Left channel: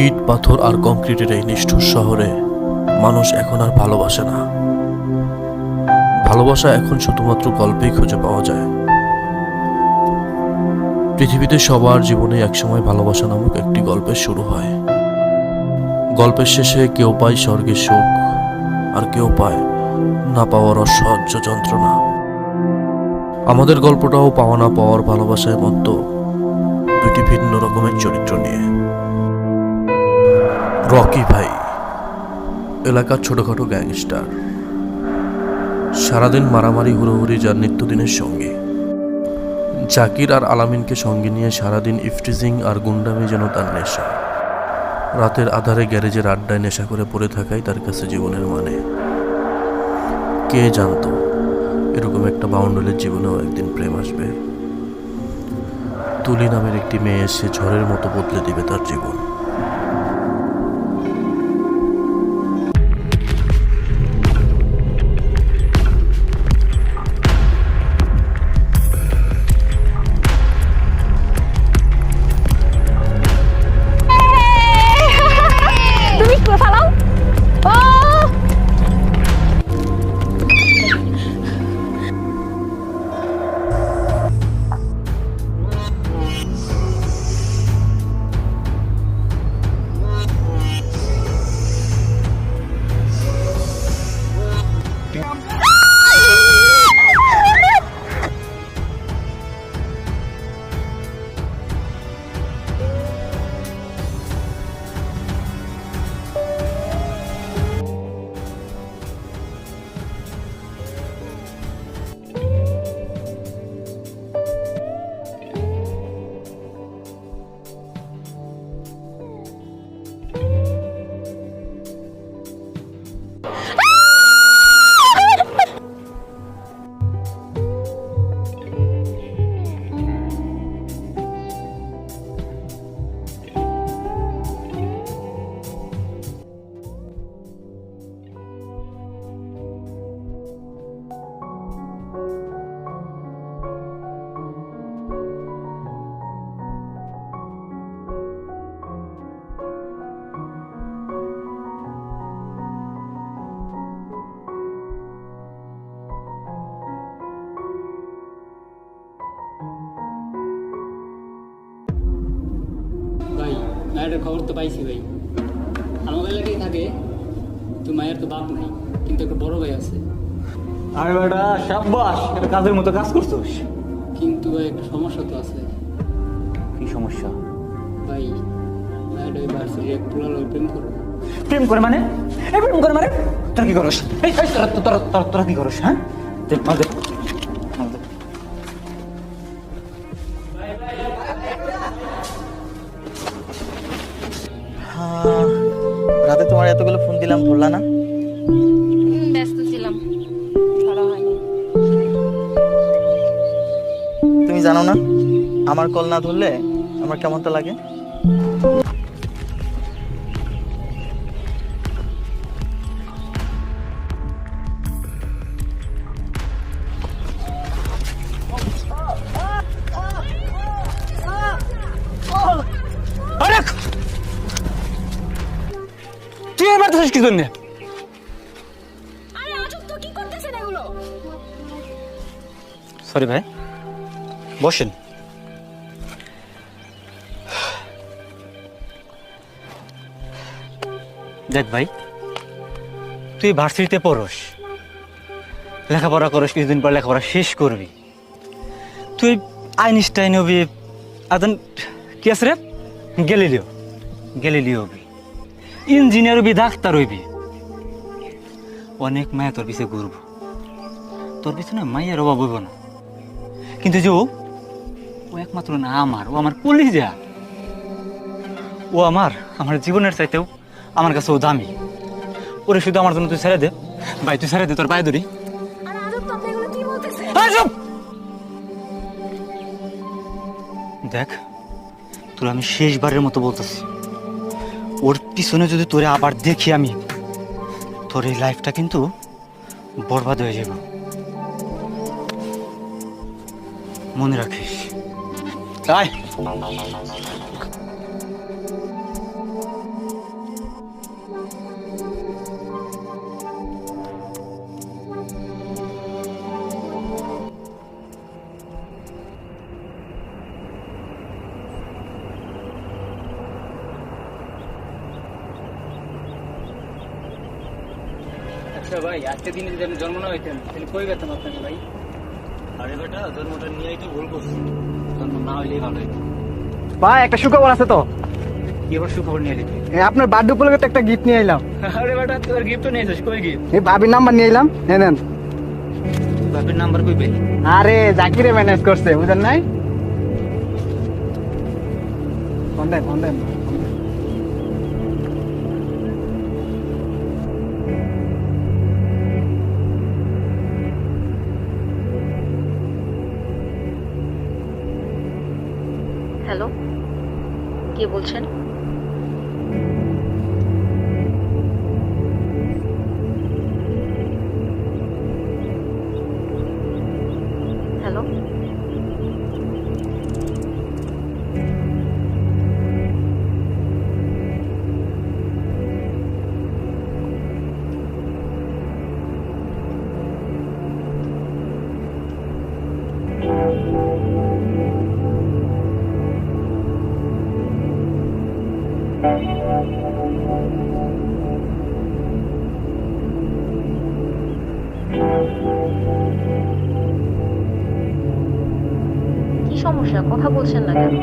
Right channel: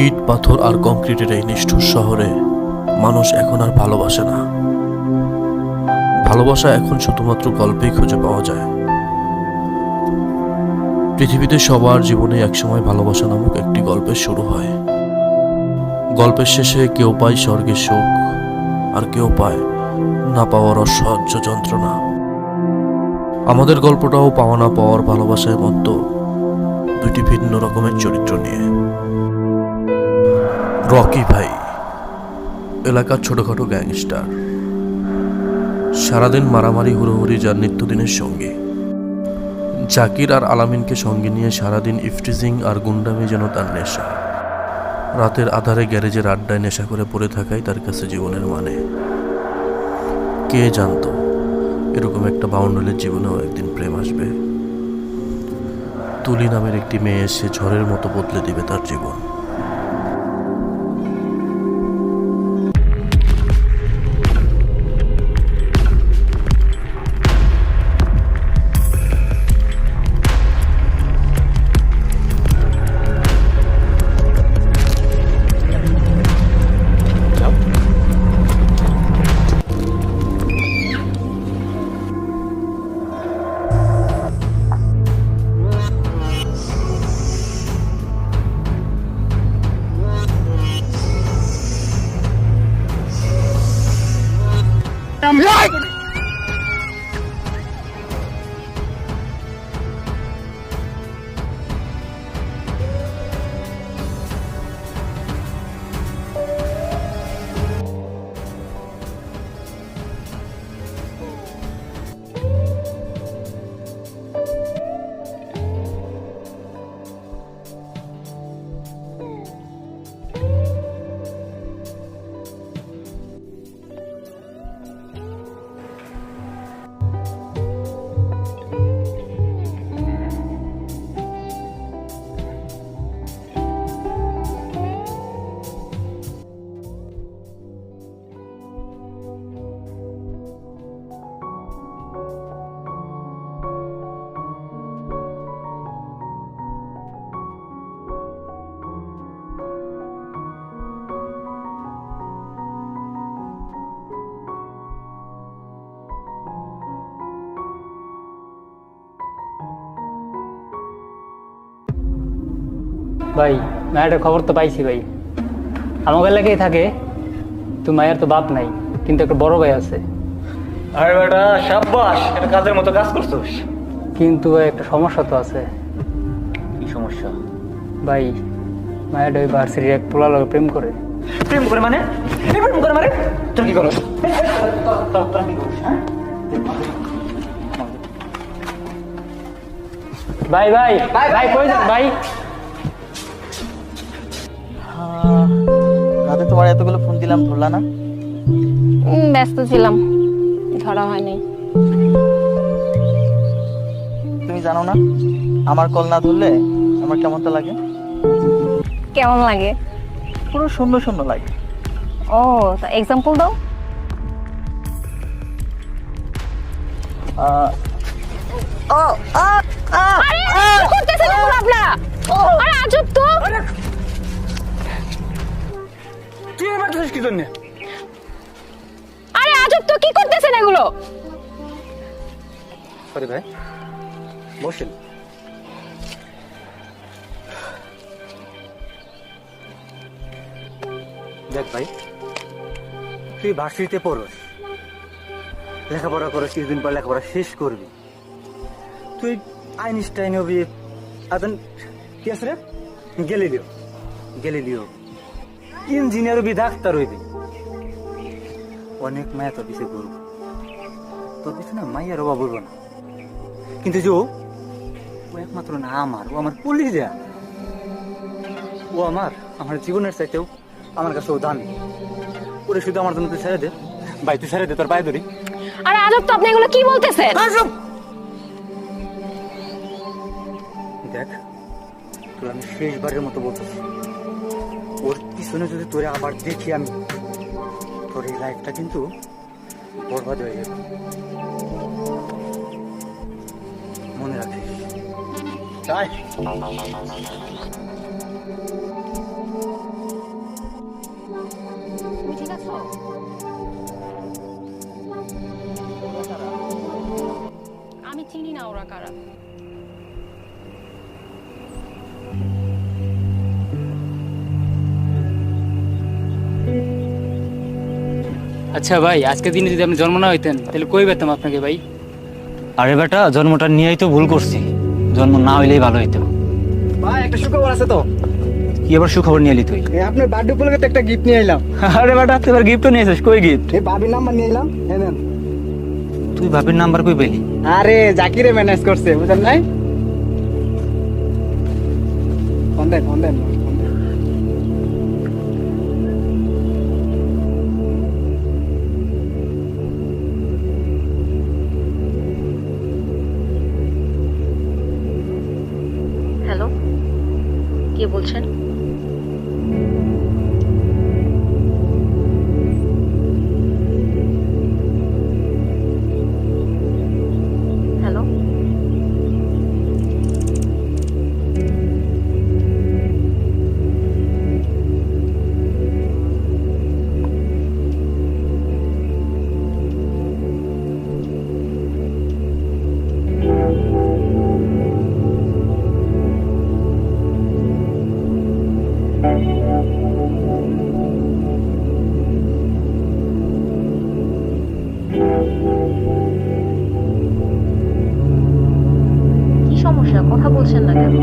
ইট পাথর আর কংক্রিটের এই নিষ্ঠুর শহরে মানুষ এখন আর ভালোবাসে না। ভালোবাসা এখন শুধুমাত্র গল্পেই খুঁজে পাওয়া যায়। পৃথিবীতে সবার জীবনে একসময় ভালোবাসা নামক একটি গল্পের শুরু হয়। গল্পের শেষে কেউ পায় স্বর্গের সুখ, আর কেউ পায় না পাওয়ার অসহ্য যন্ত্রণা। আমাদের গল্পটাও পাওয়া না পাওয়ার ভালোবাসায় মত্ত দুটি ভিন্ন রকমের চরিত্র নিয়ে। রকি ভাই এলাকার ছোটখাটো গ্যাংস্টার, সারাদিন মারামারি হুড়োহুড়ি যার নিত্যদিনের সঙ্গে। জাকির আর আলামিনকে সঙ্গে নিয়ে সারাদিন ইফটিজিং আর গুন্ডামি যেন তার নেশা। রাতের আধারে গ্যারেজের আড্ডায় নেশা করে পড়ে থাকাই তার কাছে জীবনের মানে। কে জানতো এরকম একটা বাউন্ডুলের জীবনেও একদিন প্রেম আসবে। তুলি নামের একটি মেয়ে এসে ঝড়ের মতো বদলে দিবে তার জীবন। ভাই মায়ের খবর তো পাইছি ভাই, আমাকে এলাকায় থাকে। তো মায়ের তো বাপ নাই, কিন্তু একটা বড় ভাই আছে। আর বেটা সাব্বাস, এটা কাজের মতো কাজ করছিস। কিন্তু ভাই একটা সমস্যা তো আছে। কি সমস্যা? ভাই মায়ের ওই ভার্সিটির এক পোলা লগে প্রেম করে। প্রেম করে মানে? এই প্রেম করে মানে? তোর কি করস? তোরা কি করস? হ্যাঁ দেখ দেখ। ভাই ভাই ভাই কই যান ভাই? রাতে তোমার এতগুলো ফোন দিলাম, ধরলা না? ব্যস্ত ছিলাম, ধরা হয়নি। তুমি জানো না আমার কল না ধরলে আমার কেমনটা লাগে? কেমন লাগে? পুরো শূন্য শূন্য লাগে। ও এক্সাম্পল দাও। আরে কি করতেছেন এগুলো আপনারা? আরে আজব তো। তুই আমার তো কি জন্য? আরে আজব তো, কি করতেছেন এগুলো? সরি ভাই, বসেন। দেখ ভাই, তুই ভার্সিটিতে পড়স, লেখাপড়া করিস, কিছুদিন পর লেখাপড়া শেষ করবি। তুই আইনস্টাইন হবি, আদন কি আছে রে, গ্যালিলিও গ্যালিলিও হবি, ইঞ্জিনিয়ার হবি, ডাক্তার হইবি। অনেক মায়া তোর পিছিয়ে ঘুরবো, তোর পিছনে মায়ের অভাব হইব না। কিন্তু যে ও একমাত্র না আমার, ও আমার কলিজা। ও আমার জীবনের চাইতেও আমার কাছে ও দামি। ওরে শুধু আমার জন্য তুই ছেড়ে দে ভাই, তুই ছেড়ে দে, তোর পায়ে ধরি। আরে আজব তো, আপনি এগুলো কি বলতেছেন? দেখ তোর আমি শেষবারের মতো বলতেছি, ওর পিছনে যদি তোরে আবার দেখি আমি, তোর এই লাইফটা কিন্তু বরবাদ হয়ে যাবে। মনে রাখিস। আয় আচ্ছা ভাই, আজকের দিনে যদি আপনি জন্ম না হইতেন তাহলে কই পেতাম আপনাকে ভাই? আরে বেটা, জন্মটা নিয়েই তো ভুল করছি। জন্ম না হইলেই ভালো হইতো। ভাই একটা সুখবর আছে তো। কি আবার সুখবর নিয়ে এলি তুই? আপনার বার্থডে উপলক্ষে তো একটা গিফট নিয়ে এলাম। আরে বেটা, তুই এবার গিফটও নিয়েছিস? কই গিফট? ভাবির নাম্বার নিয়ে এলাম, নেন। তুই ভাবির নাম্বার কই পেলি? আরে জাকিরে ম্যানেজ করছে, বুঝলেন নাই? ফোন দেন। হ্যালো, কে বলছেন? হ্যালো, কি সমস্যা? কথা বলছেন না কেন?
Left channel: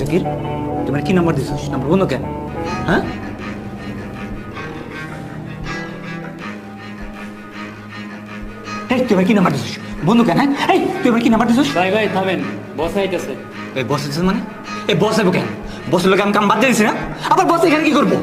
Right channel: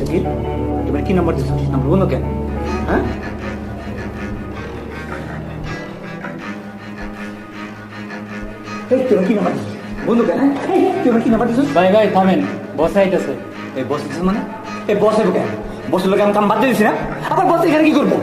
জাকির, তুমি কি নাম্বার দিছিস? নাম্বার বন্ধ কেন? হ্যাঁ? এই তুমি কি নাম্বার দিছিস? বন্ধ কেন? এই তুমি কি নাম্বার দিছিস? ভাই থামেন, বসে আইতেছে। এই বস দিছিস মানে? এই বস এবো কেন? বসের লোক আমি কাম বাদ দিয়ে দিছি না? আবার বস এখানে কি করবো?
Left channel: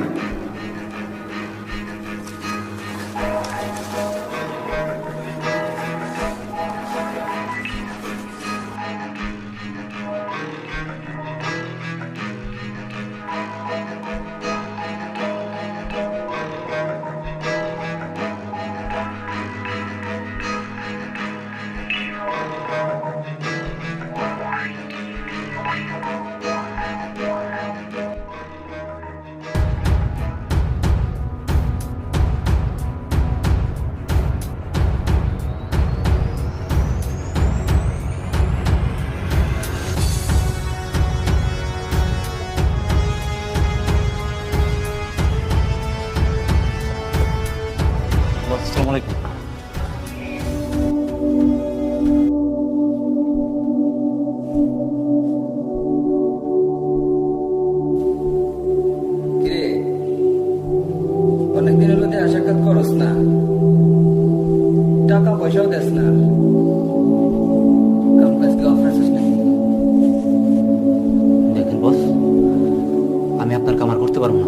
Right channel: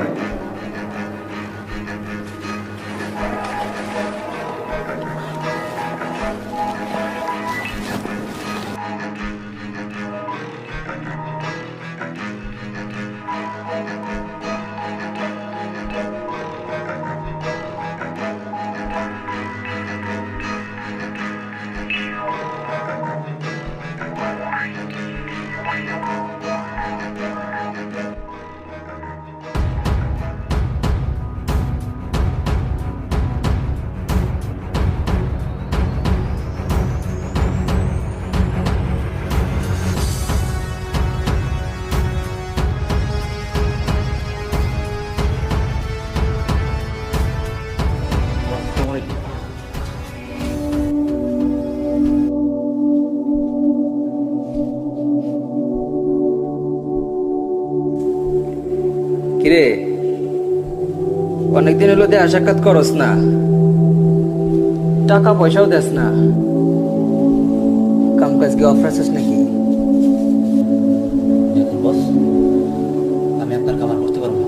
কিরে, অনেকদিন হলো দেখা সাক্ষাৎ করস না, টাকা পয়সাও দেস না, কাম কাজ কি অফার আছিস নাকি? দেখেন বস, আমি আপনার কামার করতে পারবো না।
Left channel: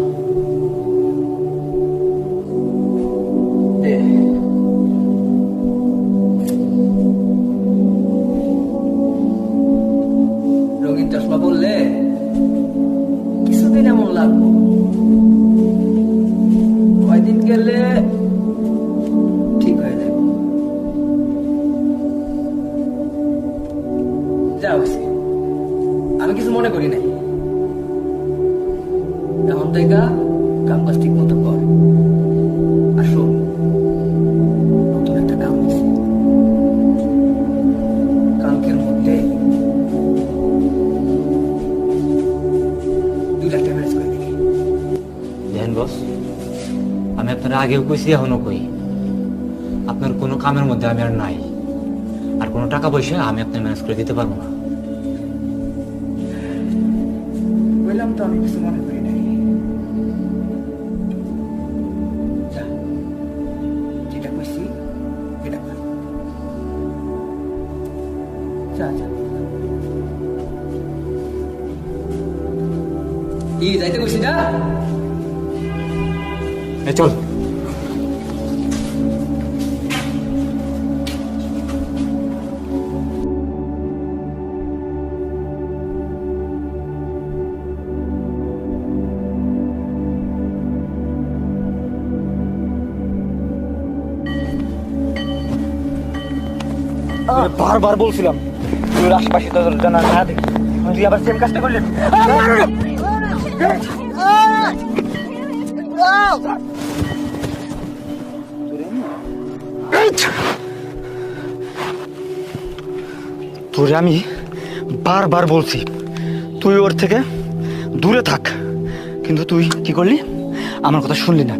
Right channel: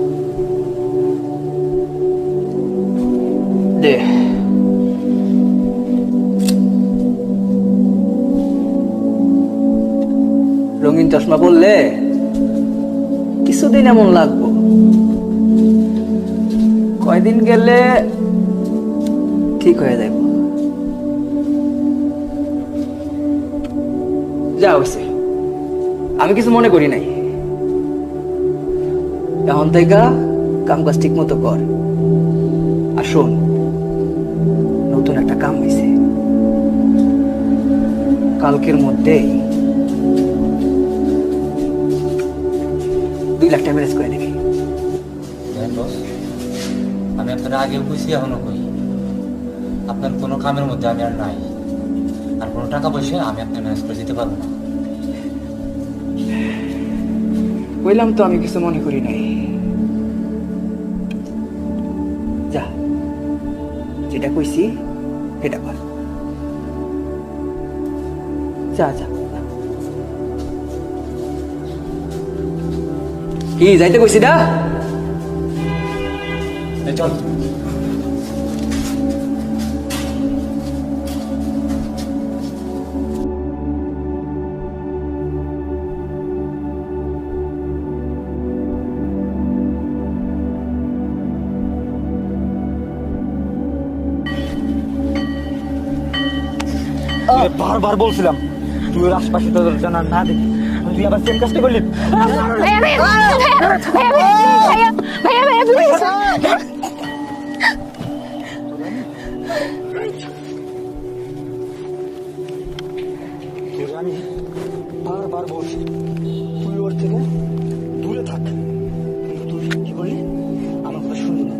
দে রঙিন চশমা বললে কিছুদিন এমন লাগবো, কয়দিন গেলে ঠিক হয়ে যাবে। যা হয়েছে, আমি কিছু মনে করি নাই। এখন থেকে কাম কাজ ঠিক মতো কর। আর শোন, নতুন একটা কাম হয়েছে, কালকের মধ্যে 2 লাখ টাকা ম্যানেজ করে দিবি। দেখেন বস, আমি আপনার আগেও কইছি, এখনো কই, আপনার কোনো কামের মধ্যে আমি আর নাই, আর কোনো টাকা পয়সা আমি আপনার ম্যানেজ করে দিতে পারবো না। বললাম তো আমি কিছু মনে করি নাই। যা, যেটা কইছি সেটা কর। যা যা। কি যাইতে কইছি না? চল। বারবার বলছিলাম তুই আশপাশে তো জানা না দেখি তুই আবার সেম কাজটা করলি। ভাইয়া ভাইয়া ভাইয়া ভাইয়া ভাইয়া প্লিজ তোরে আমি বারবার বলছি তুই ওর থেকে দূরে থাক, কিন্তু তুই কি করলি? আমার কথা শুনলি না,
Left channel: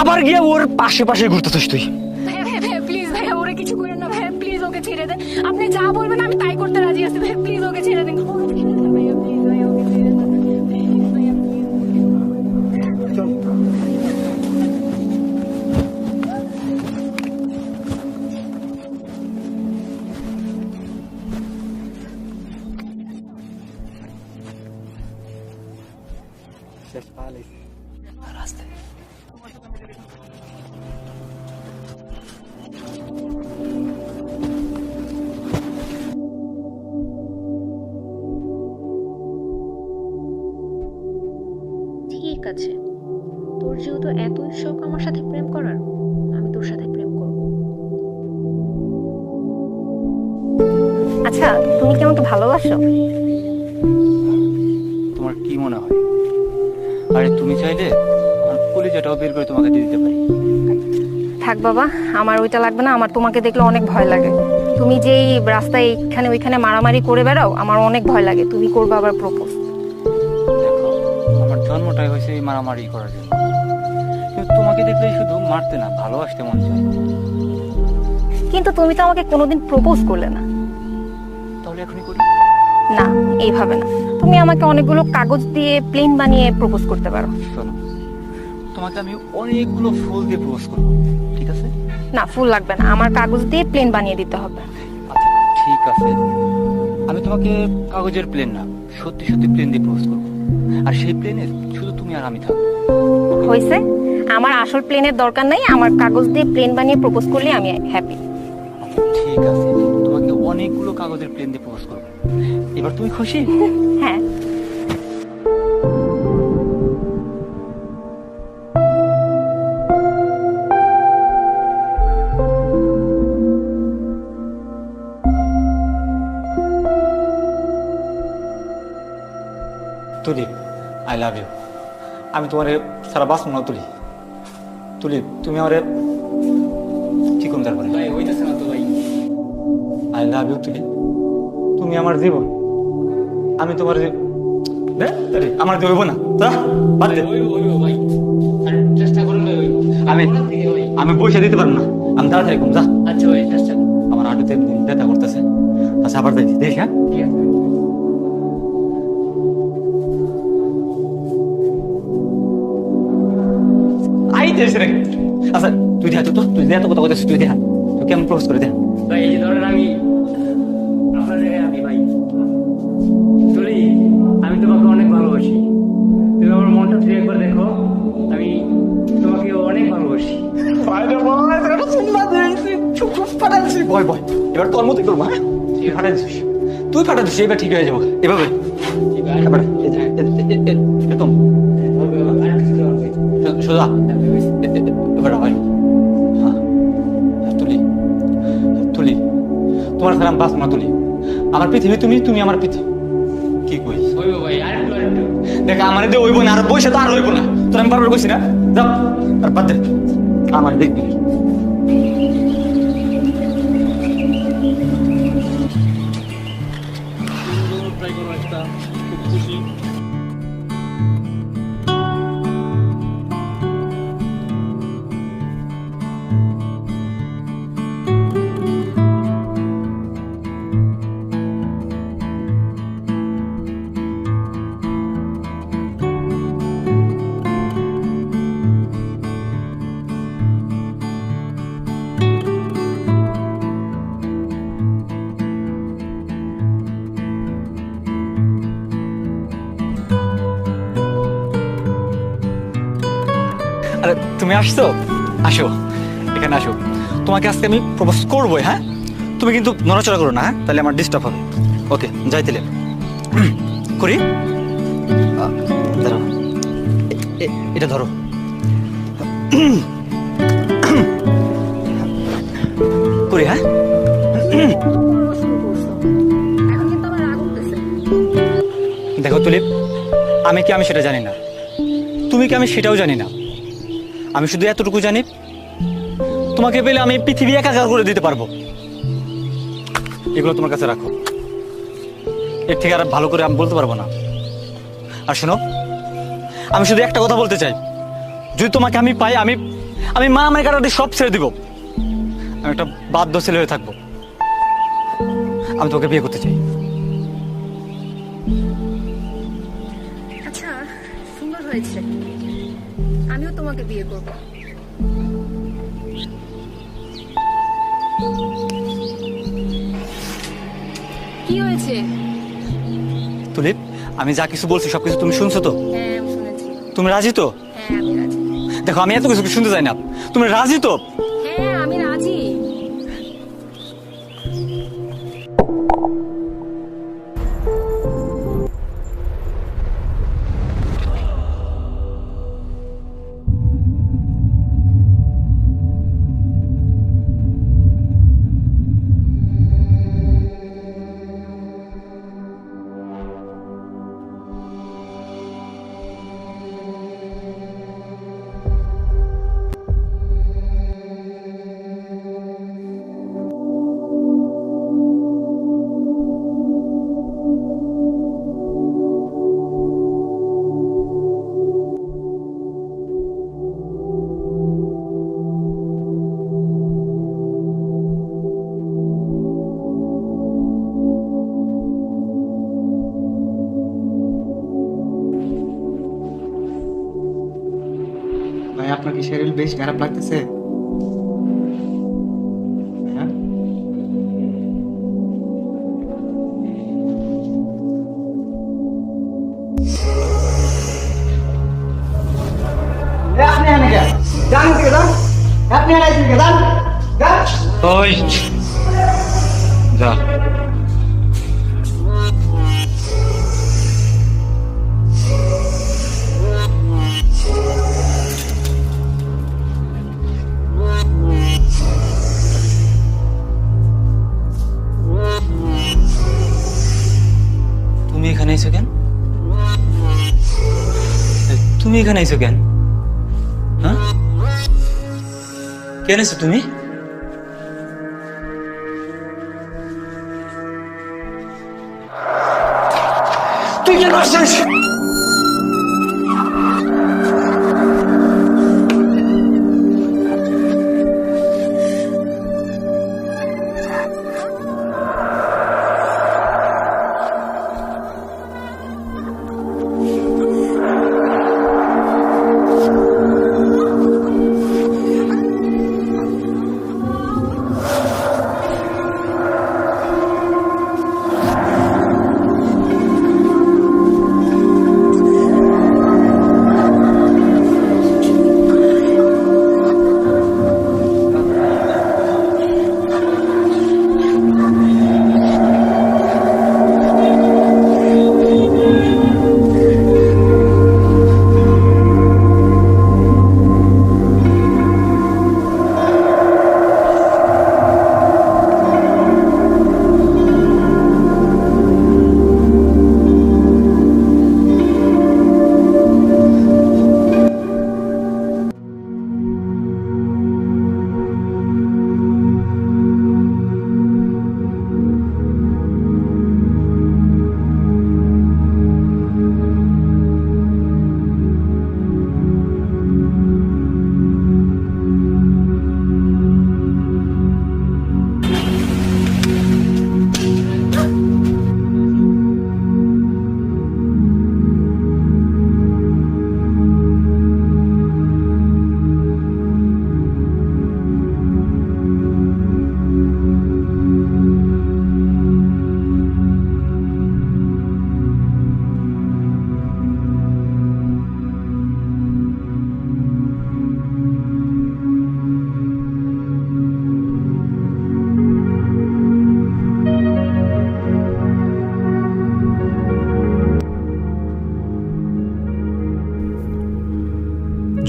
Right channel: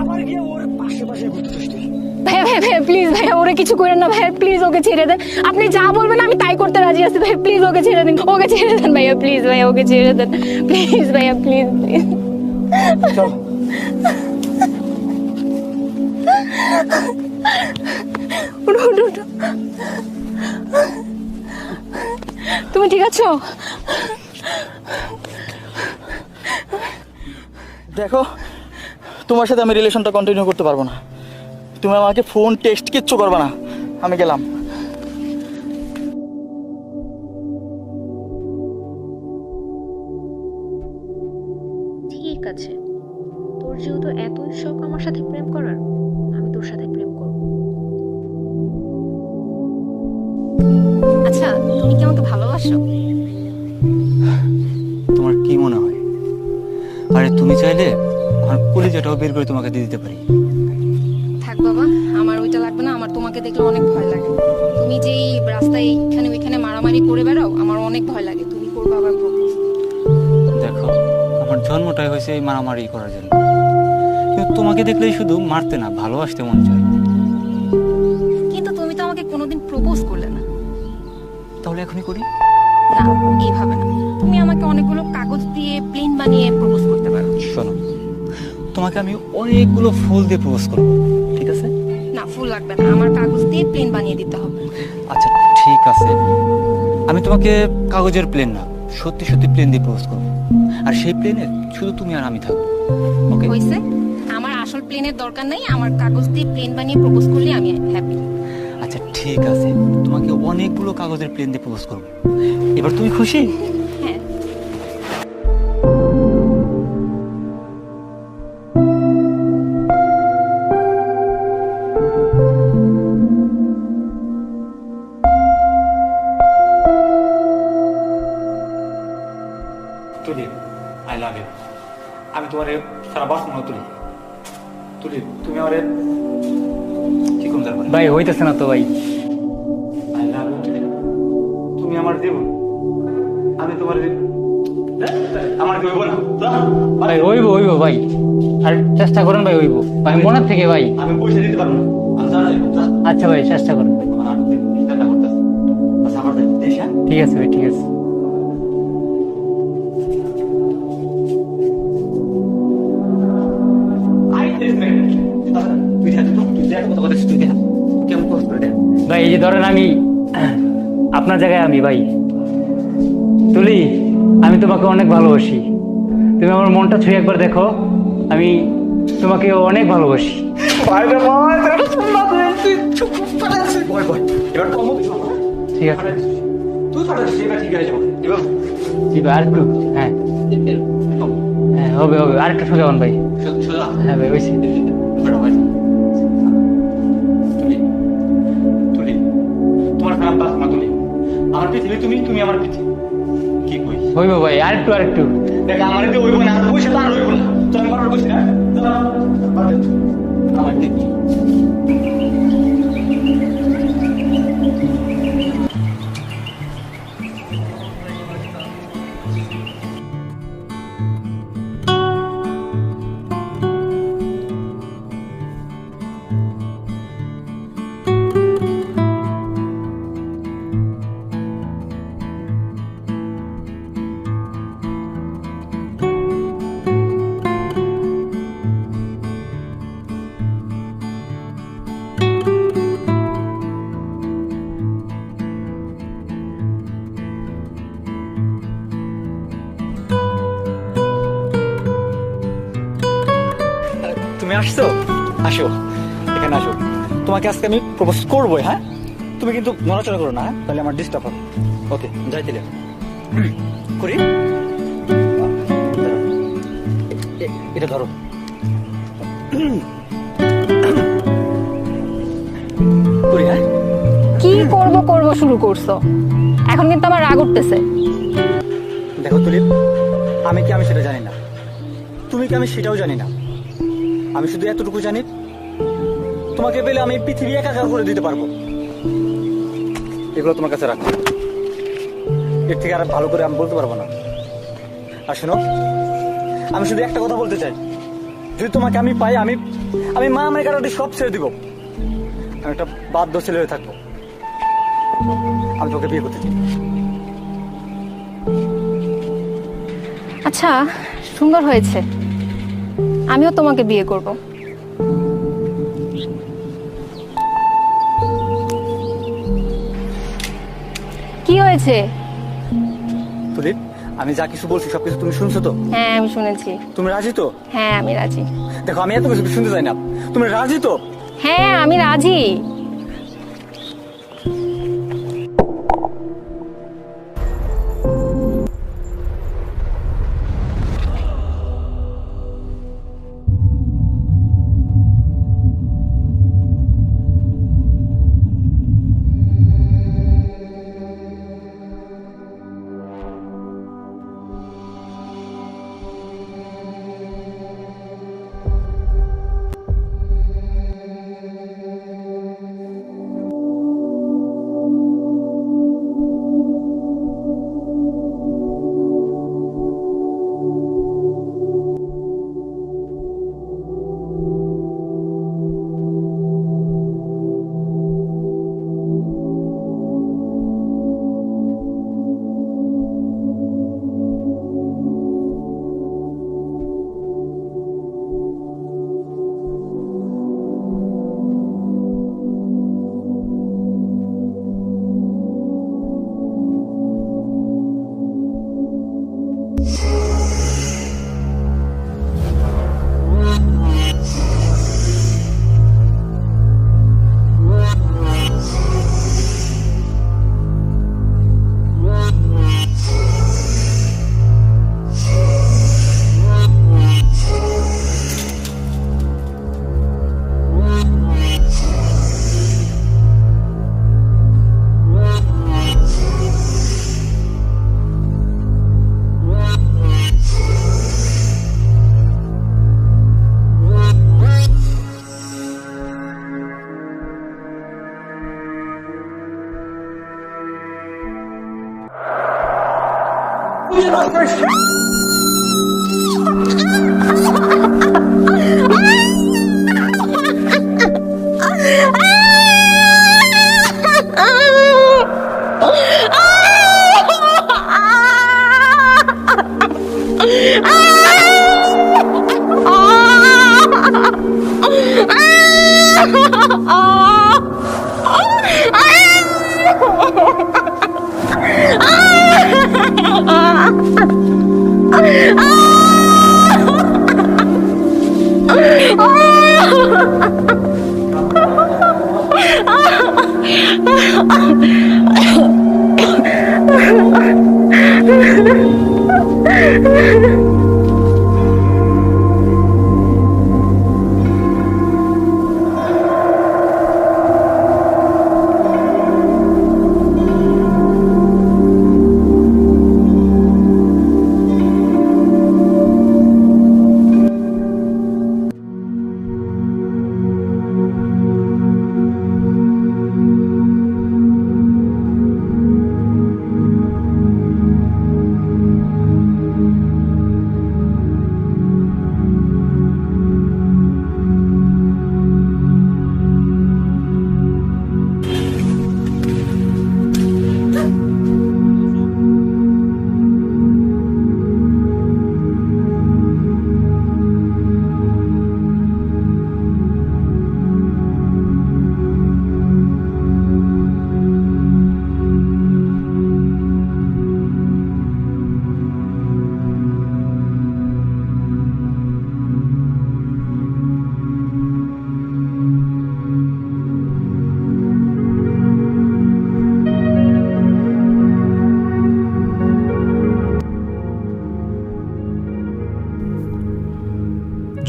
আবার গিয়ে ওর পাশে পাশে ঘুরতেছিস তুই। ভাইয়া ভাইয়া ভাইয়া প্লিজ ভাইয়া ওরে কিছু করেন না ভাইয়া প্লিজ ওকে ছেড়ে দেন আপনি যা বলবেন আমি তাই করতে রাজি আছি ভাইয়া প্লিজ ওকে ছেড়ে দেন ভাইয়া প্লিজ ভাইয়া ওকে ছেড়ে দেন প্লিজ ভাইয়া প্লিজ প্লিজ চল উঠো উঠো উঠো তুমি ঠিক আছো? দেখো, তোমার সাথে আমি রিলেশনটা কন্টিনিউ করতে পারবো না। তুমি আমাকে ফোন টেক্সট কিচ্ছু করবে না, আমি গেলাম। ঠিক আছে, তোর যেহেতু এতই শখ আমার সাথে প্রেম করার, আমি তোর সাথে প্রেম করব। আচ্ছা তুমি কি আমাকে ভালোবাসো? তোমার কি মনে হয়? আরে তুমি চাইলে আমার কলিজাটাও বের করে তোমাকে দিয়ে দিতে পারি। থাক বাবা, আমার ওইটা লাগবে না। আমার তোমাকে দেখলে অনেক ভয় লাগে। তুমি যেই রাস্তায় এখানে ওইখানে মারামারি করে বেড়াও, আমার অনেক ভয় লাগে। তুমি করবে আবার প্রপোজ। দেখো, আমার জন্মটাই হয়েছে এই মারামারি করার জন্য, কিন্তু তোমাকে দেখলেই শুধু মারতে না ভালোবাসতে মন চায়। কিন্তু তুমি তো আমাকে কোনোদিন প্রপোজ করলে না। তাহলে এখনই করি? না, এইভাবে না। তুমি আমাকে অনেকগুলো কাগজ দিয়ে প্লেন বানিয়ে প্রপোজ করতে পারো। শোনো, তোমাকে আমি অনেকগুলো ফুল দিয়ে প্রপোজ করবো, ঠিক আছে? না, ফুল লাগবে না, আমার কাগজ দিয়ে প্লেন বানিয়ে দিতে হবে। আচ্ছা ঠিক আছে, আমি তোমাকে কাগজের প্লেন না সত্যি সত্যি প্লেন দিয়ে প্রপোজ করবো, আর সেই প্লেনের শুধু তুমি আর আমি থাকবো। ওকে? হয়েছে, আমার আসল প্লেনের দরকার নাই। আমার কাগজ দিয়ে প্লেন বানিয়ে প্রপোজ করলে আমি হ্যাপি। আচ্ছা ঠিক আছে, তোমাকে অনেকগুলো কাগজের প্লেন দিয়ে প্রপোজ করবো। এবার তুমি খুশি? হ্যাঁ। তুলি, আই লাভ ইউ। আমি তোমার সারা বাঁচবো না তুলি। তুলি, তুমি আমার কি কোন তারপরে? ভাই হইতেছে না তো ভাই। আই লাভ ইউ তুলি, তুমি আমার জীবন। আমি তোমার আমার হইব না। ভাই হইব ভাই, আর চেষ্টা করেন ভাই হইব। আমি মনের থেকে ভাই। আমি বসে দিতে পারবো না, আমি তাড়াতাড়ি কম যা। আচ্ছা ভাই চেষ্টা করুন। আমার আটুতে ব্যথা করতেছে। আচ্ছা আবার দেখি দেখ। হ্যাঁ ঠিক আছে ভাই, ঠিক আছে। আইতেছ রে। আচ্ছা তুই দেখা তো, তুই দেখা তো কথা বলতেছিস, তুই দেখা তুই কেমন প্রপোজ করে দেখা। ভাই এই যে ধরেন আমি আপনার জায়গায় আমি ভাই তুলি, আমি তোমাকে অনেক ভালোবাসি। তুমি আমার মনটা ছুঁয়ে একবার দেখো, আমি তোমাকে অনেক ভালোবাসি। বল বল, এবার কর্ম তুই করবো। হ্যাঁ ঠিক আছে। ফাটা দিস, তুই ফাটা দিস, এবার ঠিক হয়ে যাবো এভাবে। জি ভাই, আরেকবার। হ্যাঁ একদম হ্যাঁ, হবে আরেকটা সোজা হন ভাই। সোজা। হ্যাঁ ভাই হয়েছে। এবার হয়। তুলি তুলি, তোমার সালাম বাস মা তুলি। আমার পৃথিবী তুমি, তুমি আমার পৃথিবী। কি কই হইব ভাই, আরেকটু দেখ, আমার দিয়ে হইব না, আর বইসা তো আর হইব না। তোর আমি বারবার কইছি না, যাও আর বাদ দে, আমার দেখবি। আরে তুমি আসছো, আসো এখানে আসো। তোমাকে আজকে আমি প্রপোজ করবোই। হ্যাঁ তুমি কিন্তু নড়াচড়া করো না, হ্যাঁ তাহলে আমার ডিস্টার্ব হবে। ওকে যাই তাহলে করি। দাঁড়াও, এটা ধরো। করি হ্যাঁ। কি করবো করব শুরু করছো। এখন কিন্তু আমার রাগ উঠতেছে। দেখো তুলিপ, আমি সেটা জানি না, তুমি কি আমি সেটাও জানি না। আমি শুধু এতটুকু জানি, তোমাকে পেলে আমি পৃথিবী একাকার করে দিতে পারবো। এগুলো তোমার কাছে রাখো, এর থেকে আর ভালো করে আমি বলতে পারবো না। আর শোনো, আমি শুধু একটা কথা বলতে চাই, যদি তোমাকে আমি পাই, আমি মা আমার কাটাতে সব ছেড়ে দিব। আমি একটা বাধ্য ছেলে হয়ে থাকবো। আমি তোকে বিয়ে করতে চাই। আচ্ছা, সুন্দর হয়েছে, আমিও তোমাকে বিয়ে করব। কি হয়েছে? তুলিপ, আমি যা কিছু বলছি সবকিছু তুমি শুনছো তো? হ্যাঁ, আমি শুনেছি। তুমি রাজি তো? হ্যাঁ, আমি রাজি। দেখো, আমি এত কিছু শুনতে চাই না, তুমি রাজি তো? হ্যাঁ, আমি রাজি। ভাই আপনার কি শরীর বেশ খারাপ লাগতেছে? হ্যাঁ? আপনি আনে যান, যান থেকে যান, আপনি আনে থেকে যান, যান। ওই যা। তুমি এখানে এসো কেন? তুমি এখানে এসো কেন? হ্যাঁ, কেন এসো তুমি? তুই কেন আসছিস?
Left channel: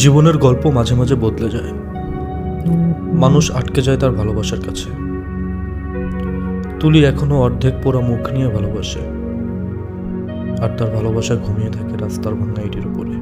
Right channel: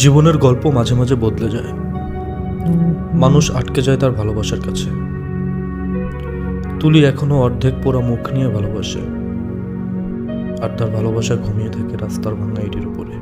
জীবনের গল্প মাঝে মাঝে বদলে যায়, মানুষ আটকে যায় তার ভালোবাসার কাছে। তুলি এখনো অর্ধেক পোড়া মুখ নিয়ে ভালোবাসে, আর তার ভালোবাসা ঘুমিয়ে থাকে রাস্তার ভাঙা ইটের উপরে।